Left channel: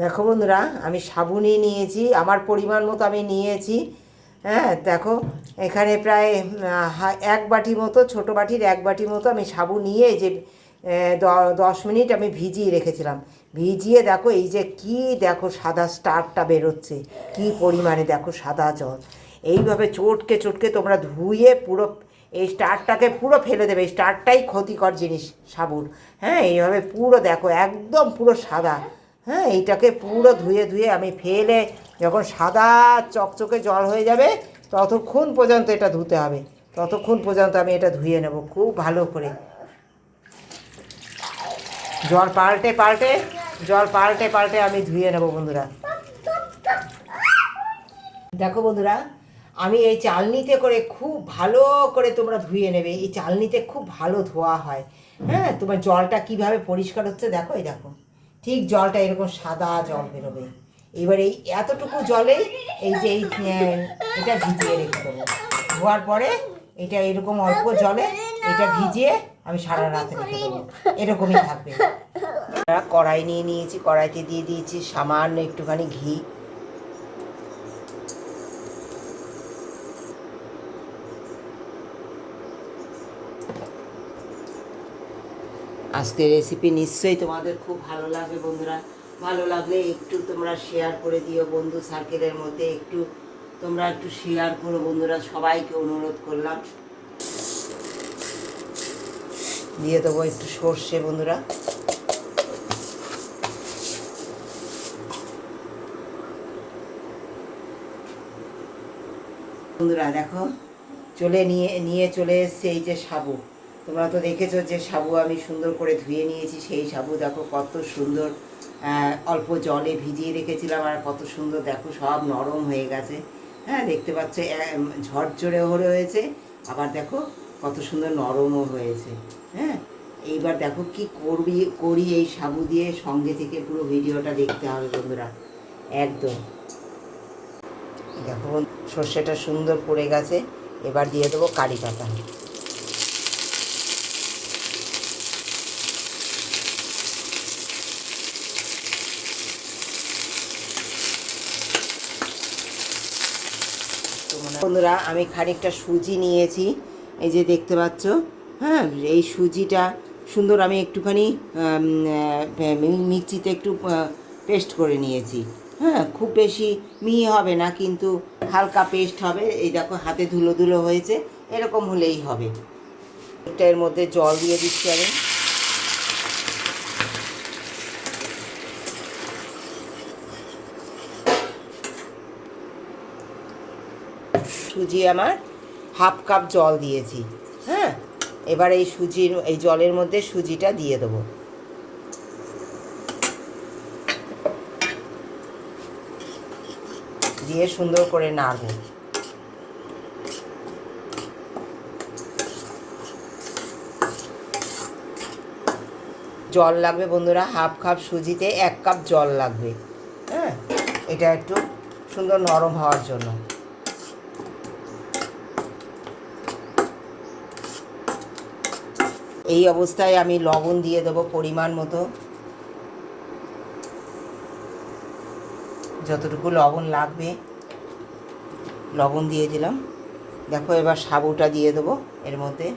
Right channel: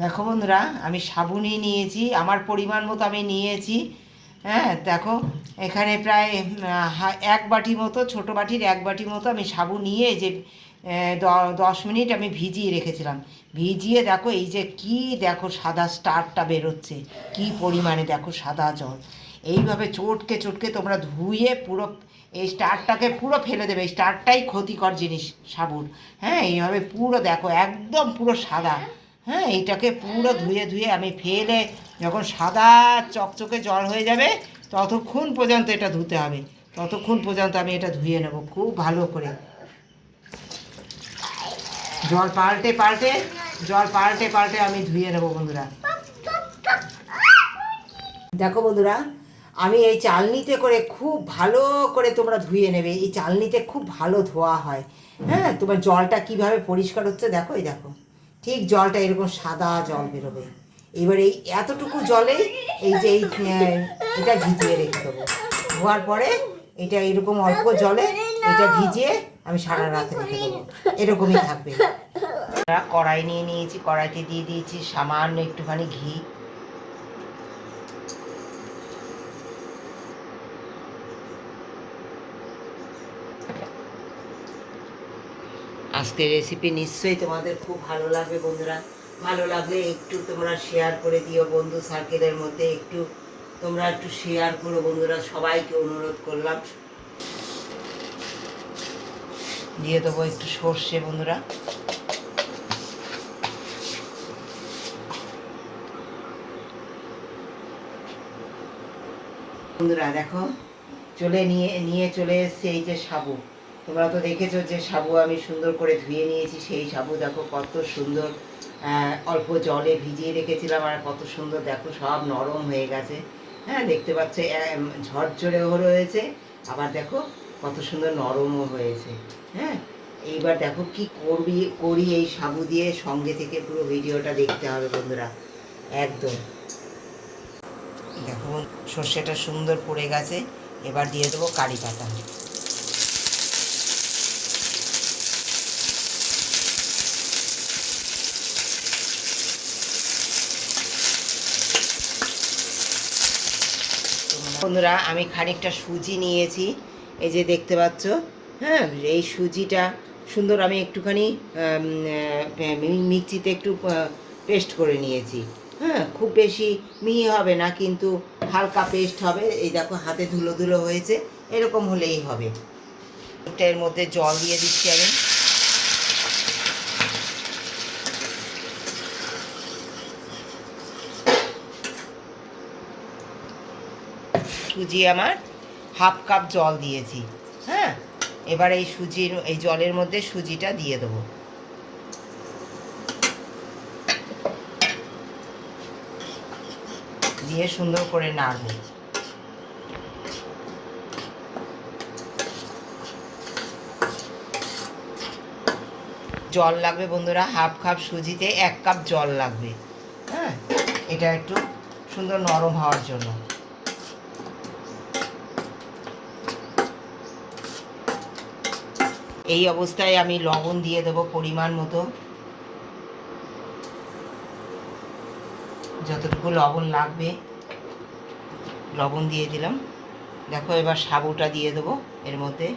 দেখো বন্ধুরা, আমি সাবু নিয়েছি, আমার পরিমাণ মতো আমি নিয়েছি। হ্যাঁ দেখো, এখানে প্রায় 1 বাটি মতো, ছোটো বাটির 1 বাটি মতো আমি সাবু নিয়ে যে 10 মিনিট আমি ভিজিয়ে রেখেছিলাম। ভিজিয়ে দেখো এই যে কি, দেখো সাদা স্টারটা বেরোচ্ছে, কি পরিমাণে দেখো সাদা জল। এইভাবে চটকে চটকে তোমরা ধুয়ে পুরো এই স্টারটাকে পুরো ফেলে দেবে। এই স্টারটাই ক্ষতিকর জিনিস সাবুর। হ্যাঁ, এইভাবে পুরো দেখো একদম পুরো সাদা। হ্যাঁ, এইটাকে পুরো ধুয়ে ধুয়ে আমি ফেলে যখন সাদা চকচকে জল হয়ে যাবে ততক্ষণ পর্যন্ত এটা ধুতে হবে। ততক্ষণ পর্যন্ত আমি এটা ধুয়ে নেব খুব ভালো করে। জল পাল্টে পাল্টে আমি ধুয়ে নেব বন্ধুরা। দেখো বন্ধুরা, আমি এই চালনিতে করে খুব ভালো করে তোমরা ধুয়ে নেবে। এই চালনিতে খুব ভালো ধোয়া হয়। হ্যাঁ, তোমার জলটা কিভাবে পরিষ্কার হচ্ছে দেখো, এই দেখো ঠিক জলটা এরকম সাদা জল বেরোবে। এবার এই এতটুকু জলেই এই যে এটা ভিজিয়ে রেখে দেবো। ধোয়ার পরে এটা এরকম অল্প জলে এটা ভিজিয়ে আমি সারা রাত রেখে দেবো, এরকমই থাকবে। কড়াই নিয়ে নিয়েছি, কড়াইতে দিয়ে দিয়েছি সামান্য একটুখানি ঘি। আজকের রেসিপি নিশ্চয়ই তোমাদের খুব ভালো লাগবে বন্ধুরা। ভালো লাগলে একটু তোমরা শেয়ার করে দিও বন্ধু সার্কেলের মধ্যে, একটু তোমরা একটু শেয়ার করো বন্ধুরা, সবাইকে অনুরোধ করলাম। দিয়ে দেবো একটু সর্ষে বন্ধুরা। বন্ধুরা দেখো, নিয়ে চলে এসছে এই যে সাবু। তোমরা তো দেখেছো যে সাবু আমি সুন্দর করে ধুয়ে নিয়েছি। সেই সাবু দেখো কত সুন্দর, অল্প জলে ভিজিয়ে রেখেছিলাম আর কত সুন্দর দেখো সব নরম হয়ে গেছে। হ্যাঁ, দেখতে পাচ্ছ ঝরঝরেও রয়েছে, আবার দেখো কত সুন্দর নরমও হয়েছে। হ্যাঁ, এইবার দেখো কি করি এই সাবু দিয়ে, সঙ্গে থেকে পুরো ভিডিওটা দেখতে হবে বন্ধুরা একদম। দেখো সর্ষেটা সুন্দর পড়ে গেছে, এবার দিয়ে দেবো কারি পাতা। বন্ধুরা, আমি খানিকটা সুজি নিয়েছি, এই যে দেখতে পাচ্ছ। হ্যাঁ, এই সুজিটা সুন্দর আমি একটুখানি মিক্সিতে একটু পেস্ট করে নিয়েছি। হ্যাঁ, খুব বেশি মিহি হবে না, কিন্তু হালকা পেস্ট হবে। এই দেখো হাতে ধুলো ধুলো হয়েছে, এরকম হলেই হবে। এর মধ্যে জল দিয়ে দিচ্ছি আমি। সুজি আমার 1/2 কাপ জল দিয়েছি। হ্যাঁ, এবার এই জলের মধ্যে সুজিটা দিয়ে দেবো। দিয়ে সুন্দর করে নাড়ব। জল লাগবে বন্ধুরা, 1/2 কাপ সুজিতে 1 কাপ জল লাগবে। হ্যাঁ, এটা একটু সুন্দর নরম হওয়ার জন্য। এই অবস্থায় আমি লবণ দিয়ে দেবো পরিমাণ মতো, যতটুকু লবণ লাগবে লবণ দিয়ে দিলাম। দেখো এবার সাবুটা দিয়ে দেবো এর মধ্যে।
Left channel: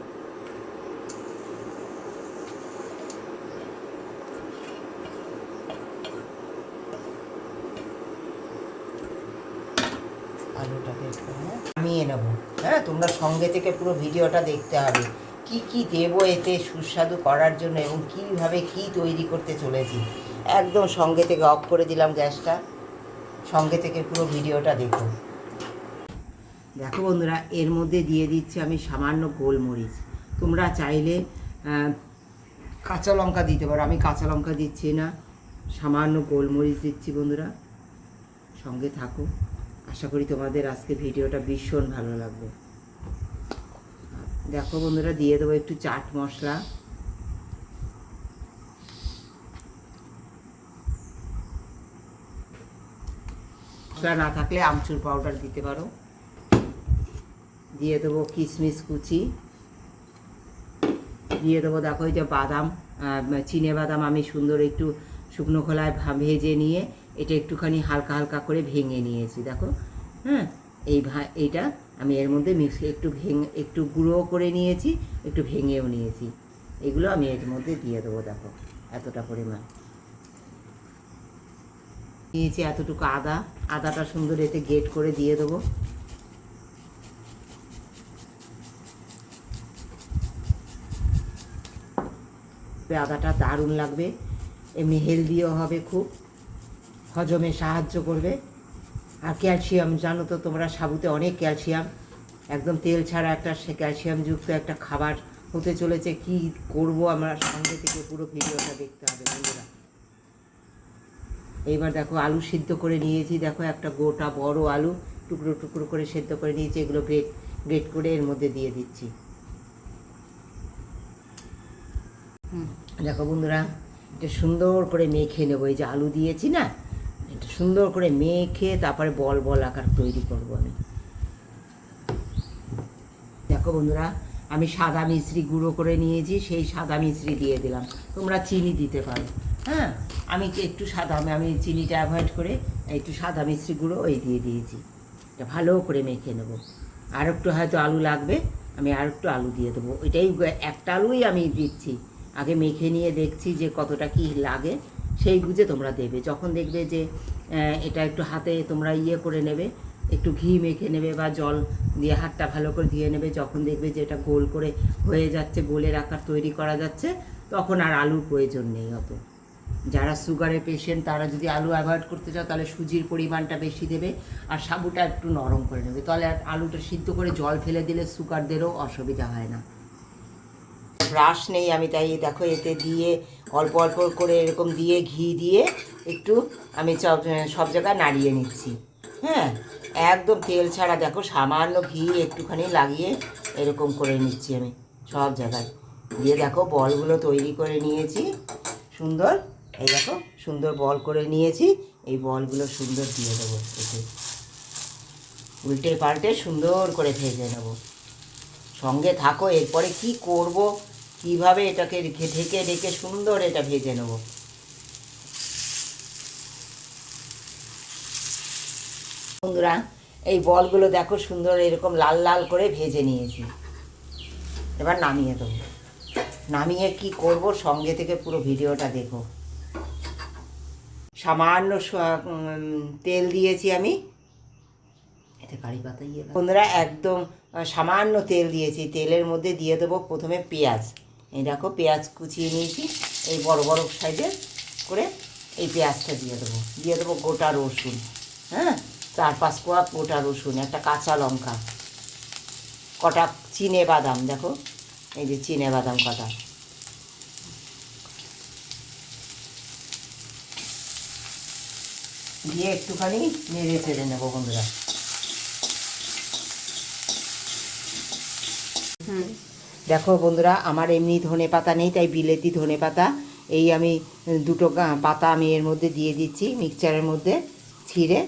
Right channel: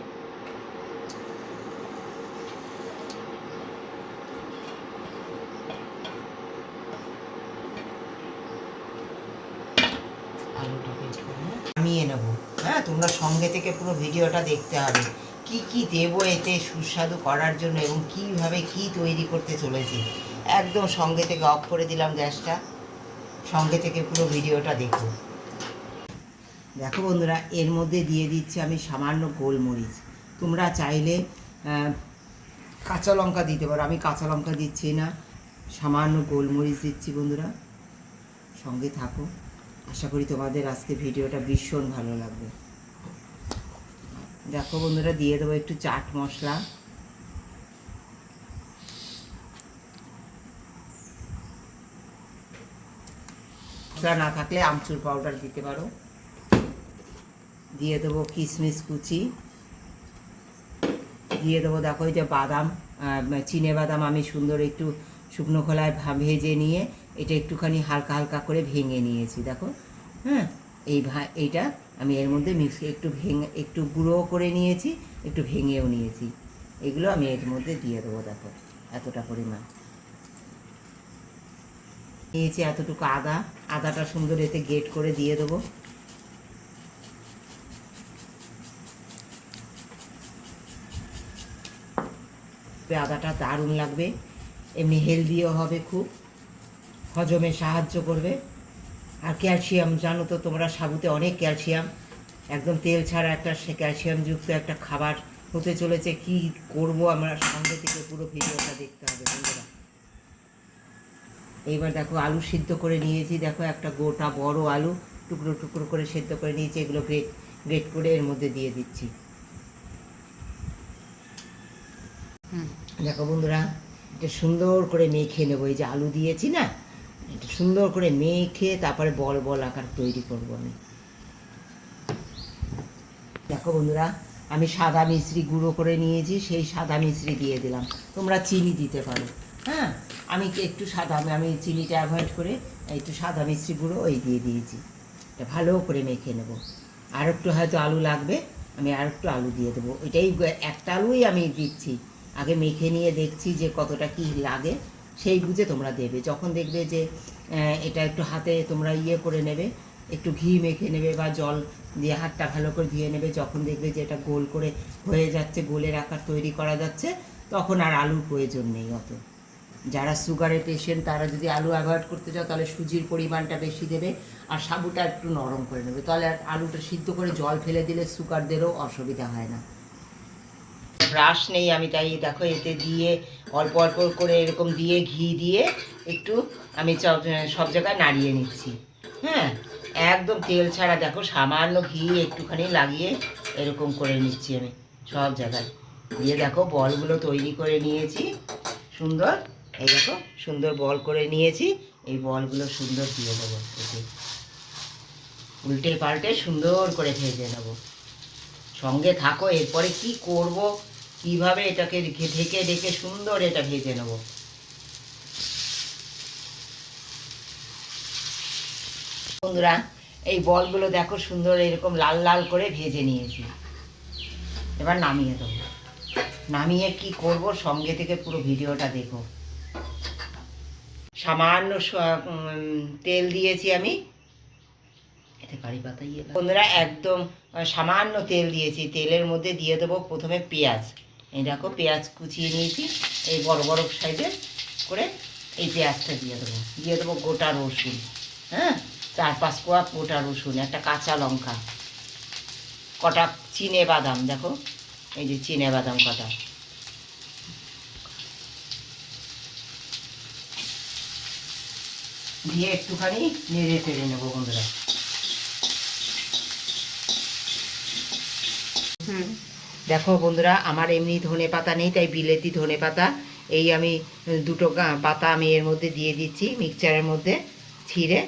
আলুটাকে একটু নামিয়ে নেবো। হ্যাঁ, তোমরা সঙ্গে থেকে পুরো ভিডিওটা দেখতে হবে। কি কি দেবো এতে সুস্বাদু করার জন্য এবং কীভাবে কি তৈরি করতে চলেছি, একদম সঙ্গে থেকে অফ করে দিলাম গ্যাসটা। সঙ্গে থেকে পুরো ভিডিওটা দেখো। দেখো বন্ধুরা, এর মধ্যে দিয়ে দিচ্ছি আমি সামান্য গোলমরিচ। তোমরা চাইলে কাঁচা লঙ্কা দিতে পারো, আমি কাঁচা লঙ্কা দিচ্ছি না, সামান্য গোলমরিচ দিচ্ছি বন্ধুরা। সঙ্গে থাকো, আশা করি তোমাদের আজকে ভিডিওটা ভীষণ ভালো লাগবে। দেখো বন্ধুরা, দিয়ে দেবো একটু চাট মশলা। মশলা না থাকলে আমচুর পাউডার দিতে পারো। দিয়ে দেবো কিশমিশ কুচি, দিয়ে দেবো দেখো এই যে বাদাম, চিনে বাদাম আমি সুন্দর একটু শুকনো খোলায় ভেজে নিয়ে এটা একটুখানি হালকা হালকা করে ভেঙে নিয়েছি দেখো। হ্যাঁ, এইটা আমি এর মধ্যে একটু গুঁড়ো করে নিয়েছি, একটু ভেঙেও নিয়েছি। এগুলো আমি এর মধ্যে দিয়ে দেবো। দেখো এতটা পরিমাণ নিয়েছি। এতটুকু আদাটা সুন্দর এতে গ্রেট করে দিয়ে দেবো। আদাটা দারুণ লাগবে, এমনি হেলদিও হবে, খুব হজমে সাহায্য করবে। আর ক্যালসিয়াম, জানো তো তোমরা সাবুতে অনেক ক্যালসিয়াম, একদম তেল ছাড়া একটা ক্যালসিয়ামযুক্ত একটা খাবার হতে চলেছে। কি করব আমরা, সঙ্গে থেকে পুরো ভিডিওটা দেখতে হবে বন্ধুরা। এইবার দেখো আলু সিদ্ধ করে নিয়েছি, দেখো একটা গোটা বড় আলু টুকরো টুকরো করে সিদ্ধ করে নিয়েছি। এগুলো গ্রেট করে এর মধ্যে দিয়ে দিচ্ছি। দেখো বন্ধুরা, এটা সুন্দর করে মেখে নেবো। এই যে আলু দিয়েছি না, এটা সুন্দর করে মেখে তারপরে বল বল আকার তৈরি করবো আমি। দেখো বন্ধুরা, আমি সাদা মিশ্রি গুঁড়ো করে নিয়েছি, সেই সাদা মিশ্রি দিয়ে দিলাম। তোমরা চিনি দিতে পারো। হ্যাঁ, আমি আমি চিনিটা অ্যাভয়েড করে একটু সাদা মিশ্রি গুঁড়ো দিয়ে দিয়েছি। এটা ভালো করে মেখে নেব। আর একটু হয়তো আলু লাগবে, আমি আর একটু আলু দিয়ে দেবো। এটাই একটা আলুই আমি দিচ্ছি। আগে মেখে নিয়ে দেখছি যে কতটা কি লাগে, সেই বুঝে তোমরা দেবে। যখন দেখবে যে এটা একটু হাতে তোমরা করে নেবে, একটু ঘি মেখে নেবে বা জল দিয়ে হাতটা ভালো করে ধুয়ে নেবে। যখন দেখবে যে এটা গোল করে হয়ে যাচ্ছে, গোলের আকার তৈরি করা যাচ্ছে, তখন আর আলুর প্রয়োজন নেই অত। যারা সুগারের পেশেন্ট তারা যদি আলু অ্যাভয়েড করতে চাও, তাহলে সুজির পরিমাণটা বেশি দেবে আর সাবুটা একটু নরম করে নেবে। তাহলে আলুটা সিদ্ধ করে জল ফেলে দিলে সুগারদেরও অসুবিধা হয় না। ব্রাশ নেই আমি, তাই দেখো এতে দিয়ে অল্প অল্প করে এরকম দিয়ে ঘি দিয়ে একটু আমি সব জায়গায় নাড়িয়ে নিচ্ছি। হ্যাঁ, একদম তেল ছাড়া। দেখো সামান্য ঘি একটুখানি লাগিয়ে এরকম করে নিচ্ছি আমি সব জায়গায় দিয়ে। দেখো বলগুলো তৈরি করে নিয়েছি সুন্দর। এই দেখো সুন্দর বল করে নিয়েছি। এই বলগুলো সুন্দর দিয়ে দেবো এতে, উল্টে পাল্টে সুন্দর করে ভেজে নেবো। সঙ্গে থাকো, এরপরে কি করব, কিভাবে এটাকে ঢেকে ঢেকে সুন্দর এটা ভেজে নেব। বন্ধুরা, এই বলগুলো দেখো সুন্দর এরকম লাল লাল করে ভেজে নিয়েছি। এবার নামিয়ে দেবো। নামিয়ে কি করব, সঙ্গে থেকে পুরো ভিডিওটা দেখো। সামান্য তেল দিয়েছি আমি এতে, কারি পাতা বন্ধুরা, একদম সামান্য তেল দিয়েছি। তেলের মধ্যে দিয়ে দেবো প্রথমে পেঁয়াজ। এই দেখো পেঁয়াজ কুচিয়ে নিয়েছি, এই বড় বড় সাইজের করে এই পেঁয়াজটা দিয়ে দেবো গোটা রসুন। হ্যাঁ, 4-5 কোয়া গোটা রসুন, একটা কাঁচা লঙ্কা, কটা চিনে বাদাম। দেখো এই যে চিনে বাদাম কটা, দিয়ে একটুখানি নেড়ে চেড়ে নেবো বন্ধুরা। দেখো বন্ধুরা, আমার এমনি ধনে পাতা নেই, তাই বিলেতি ধনে পাতা এই আমি দুটো পাতা আমি এর মধ্যে দিয়ে দিচ্ছি। মিক্সচারের মধ্যে ছিঁড়ে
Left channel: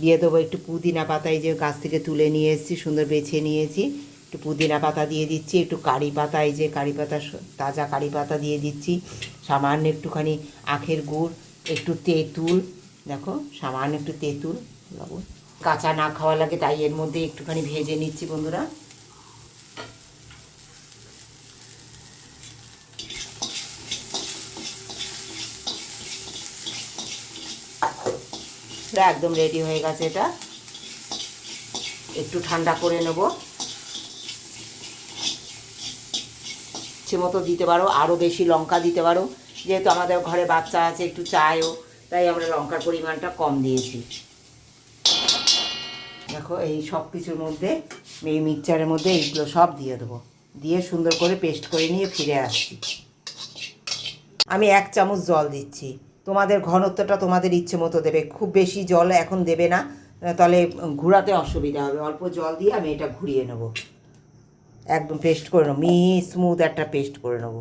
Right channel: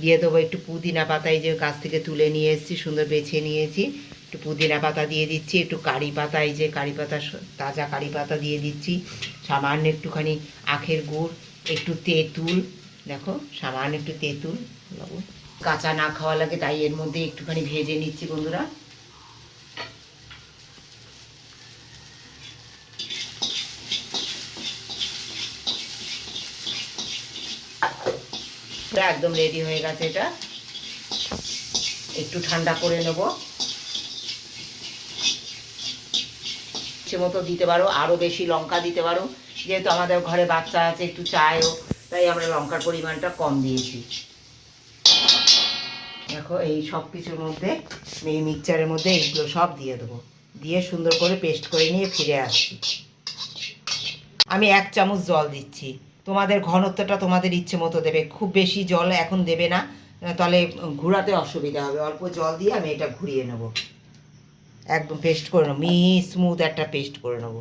দিয়ে দেবো একটু পুদিনা পাতা, এই যে গাছ থেকে তুলে নিয়ে এসেছি, সুন্দর বেছে নিয়েছি। একটু পুদিনা পাতা দিয়ে দিচ্ছি, একটু কারি পাতা, এই যে কারি পাতা, তাজা কারি পাতা দিয়ে দিচ্ছি। সামান্য একটুখানি আখের গুড়, একটু তেঁতুল, দেখো সামান্য একটু তেঁতুল, কাঁচা না খাওয়া লাগে তাই এর মধ্যে একটুখানি ভেজে নিচ্ছি বন্ধুরা। একদম রেডি হয়ে গেছে। এটা একটু ঠান্ডা করে নেব। ইচ্ছে মতো দিতে পারো, আরও বেশি লঙ্কা দিতে পারো। যেহেতু আমাদের ঘরে বাচ্চা আছে, একটু চায়ও, তাই আমরা লঙ্কার পরিমাণটা কম দিয়েছি। দেখো এই সব কিছুর মধ্যে, এই মিক্সচারের মধ্যে এইগুলো সব দিয়ে দেবো। দিয়ে সুন্দর করে পেস্ট করে নিয়ে ফিরে আসছি। আমি 1 চামচ জল দিচ্ছি। তোমাদের ঘনত্বটা তোমাদের ইচ্ছে মতো দেবে, খুব বেশি জল এখন দেবে না, তাহলে ঘোরাতে অসুবিধা হবে। অল্প জল দিয়ে আমি এটা ঘুরিয়ে নেব, একদম পেস্ট করে নেবো, স্মুথ একটা পেস্ট করে নেবো।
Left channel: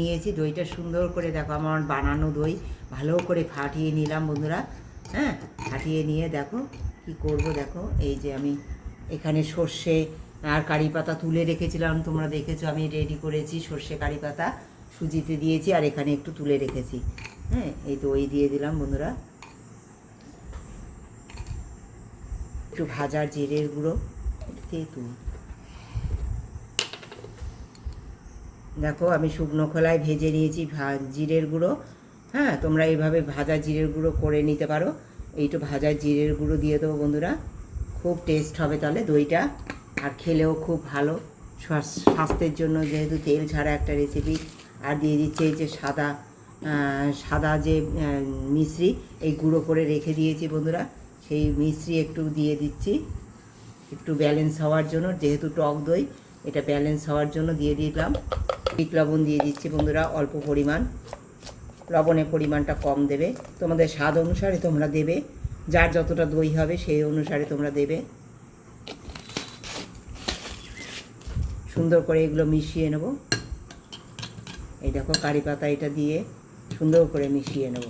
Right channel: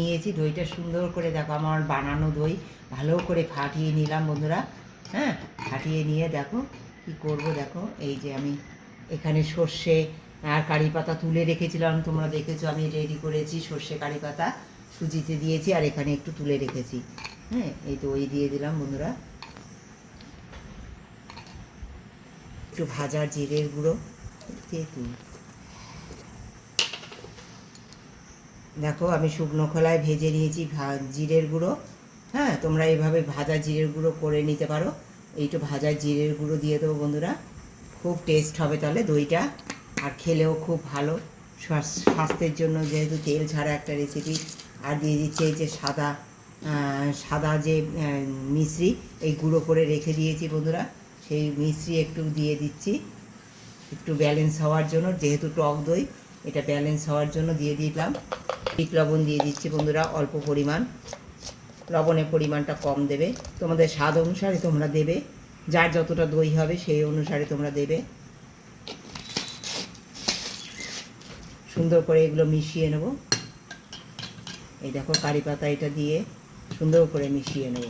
নিয়েছি দইটা সুন্দর করে, দেখো আমার বানানো দই ভালো করে ফাটিয়ে নিলাম বন্ধুরা। হ্যাঁ, ফাটিয়ে নিয়ে দেখো কি করব। দেখো এই যে আমি এখানে সর্ষে আর কারি পাতা তুলে রেখেছিলাম, তোমরা দেখেছো আমি রেডি করেছি। সর্ষে কারি পাতা সুজিতে দিয়েছি আর এখানে একটু তুলে রেখেছি। হ্যাঁ, এই দই দিয়ে দিলাম বন্ধুরা। একটু ভাজা জিরের গুঁড়ো। দেখো আমি শুকনো খোলায় ভেজে নিয়েছি জিরের গুঁড়ো। হ্যাঁ, তোমরা এইভাবে ভাজা জিরের গুঁড়ো করে নিতে পারো। এইটু ভাজা জিরের গুঁড়ো দিয়ে দেবো বন্ধুরা, খুব টেস্ট হবে তাহলে দইটা, আর খেলেও খুব ভালো স্বাস্থ্যের জন্য, যেহেতু তেল ছাড়া একটা রেসিপি। আর দিয়ে দিচ্ছি এই যে সাদা যে মিশ্রি, এই গুঁড়ো করে রেখে দিয়েছি বন্ধুরা, সেই মিশ্রি একটু দিয়ে দিচ্ছি, একটু ব্যালেন্স হওয়ার জন্য, যেহেতু টক দই, এটা ব্যালেন্স হওয়ার জন্য দিয়ে দিলাম। বিট লবণ দিয়ে দিচ্ছি বন্ধুরা অল্প পরিমাণ, লবণের পরিমাণটা কম দেবে, তোমাদের স্বাদ অনুসারে তোমরা দেবে, যার যতটা দই হবে সেই অনুসারে তোমরা দেবে। সুন্দর করে এগুলো মিশিয়ে নেব। এই দেখো কারি পাতা এটা দিয়ে সুন্দর করে মিশিয়ে নেব।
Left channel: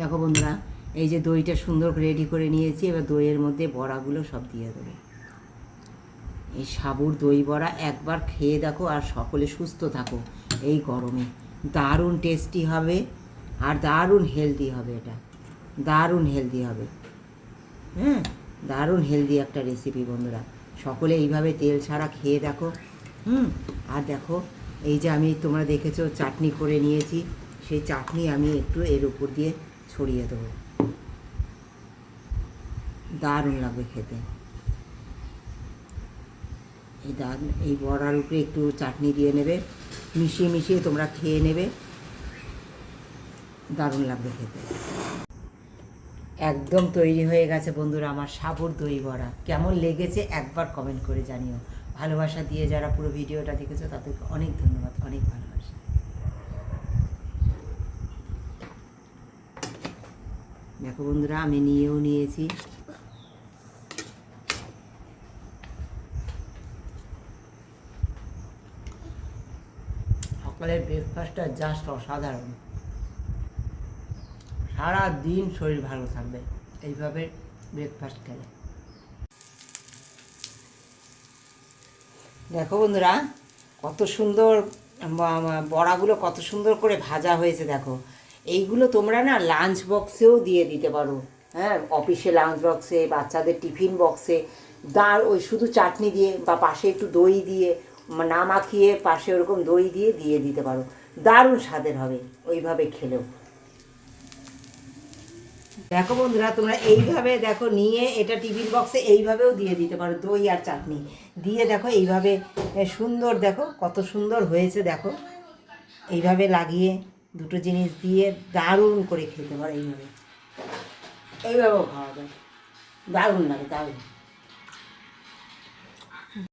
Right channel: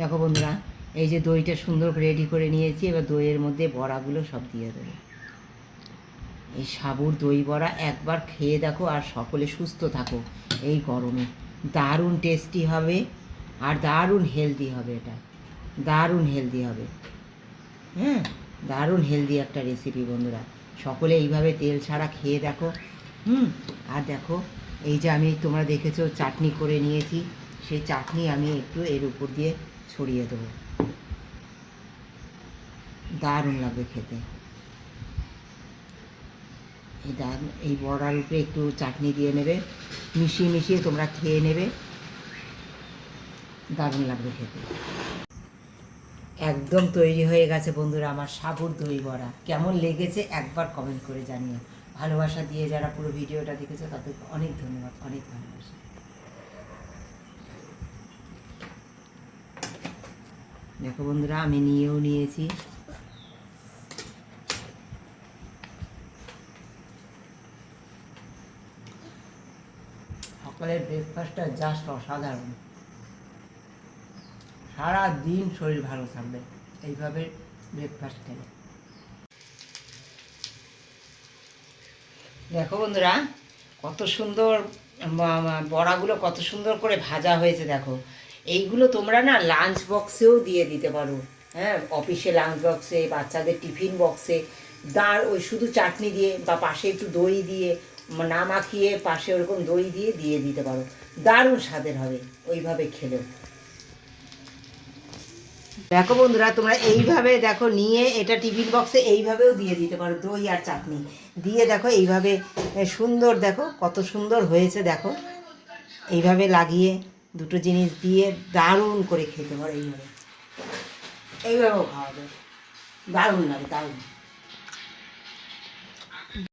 দেখো বন্ধুরা, এই যে দইটা সুন্দর রেডি করে নিয়েছি, এবার দইয়ের মধ্যে বড়াগুলো সব দিয়ে দেবো। এই সাবুর দই বড়া একবার খেয়ে দেখো, আর সকলে সুস্থ থাকো এই গরমে। দারুণ টেস্টি হবে আর দারুণ হেলদি হবে, এটা দারুণ হেলদি হবে। হ্যাঁ, দারুণ হেলদি একটা রেসিপি বন্ধুরা, সকলে এইভাবে তেল ছাড়া খেয়ে দেখো। আর দেখো এই যে আমি, তোমরা দেখেছো চাটনি করে নিয়েছি, সেই চাটনি আমি একটু এর উপর দিয়ে ছড়িয়ে দেবো, দারুণ লাগবে খেতে। এই বড়ার উপরে একটু চাটনি দিয়ে নেবে, মিশিয়ে মিশিয়ে তোমরা খেয়ে নেবে, দারুণ লাগবে খেতে। একদম তৈরি হয়ে গেছে বন্ধুরা আমার সাবুর দই বড়া। কেমন লেগেছে একবার কমেন্ট করে জানিও। ভালোবাসা দিয়ে যারা পুরো ভিডিওটা দেখেছো তাদেরকে অনেক ধন্যবাদ, অনেক ভালোবাসা। দেখো বন্ধুরা, আমি নিয়েও নিয়েছি। সকালের ব্রেকফাস্টটা জাস্ট অসাধারণ, সারা দিন শরীর ভালো থাকবে এইভাবে ব্রেকফাস্ট খেলে। দেখো বন্ধুরা, কত সুন্দর বড়াগুলো কত সুন্দর করে ভাজা হয়েছে। দেখো এইগুলো তোমরা না লাঞ্চ বক্সেও দিয়ে দিতে পারো। হ্যাঁ, অফিসে লাঞ্চ বক্সে, বাচ্চাদের টিফিন বক্সে, ওই শুধু চাটনি দিয়ে বা পাশে একটু দই দিয়ে না মাখিয়ে পাশে ওরকম দই দিয়ে দিয়ে দিতে পারো, দারুণ স্বাদের হবে ওইভাবে খেলেও। দেখো বন্ধুরা, তোমরা এইভাবে দেখো নিয়ে এটা টিফিন বক্সে এইভাবেও দিয়ে দিতে পারো, দই আর চাটনি দিয়ে দেখো এইভাবে সুন্দর, দেখো কত সুন্দর হয়েছে। দেখো এইভাবে লাগিয়ে দুটো জিনিস দিয়ে দারুণ করে খেতে পারো, এইভাবেও খাওয়া যায়, দারুণ লাগে, দারুণ।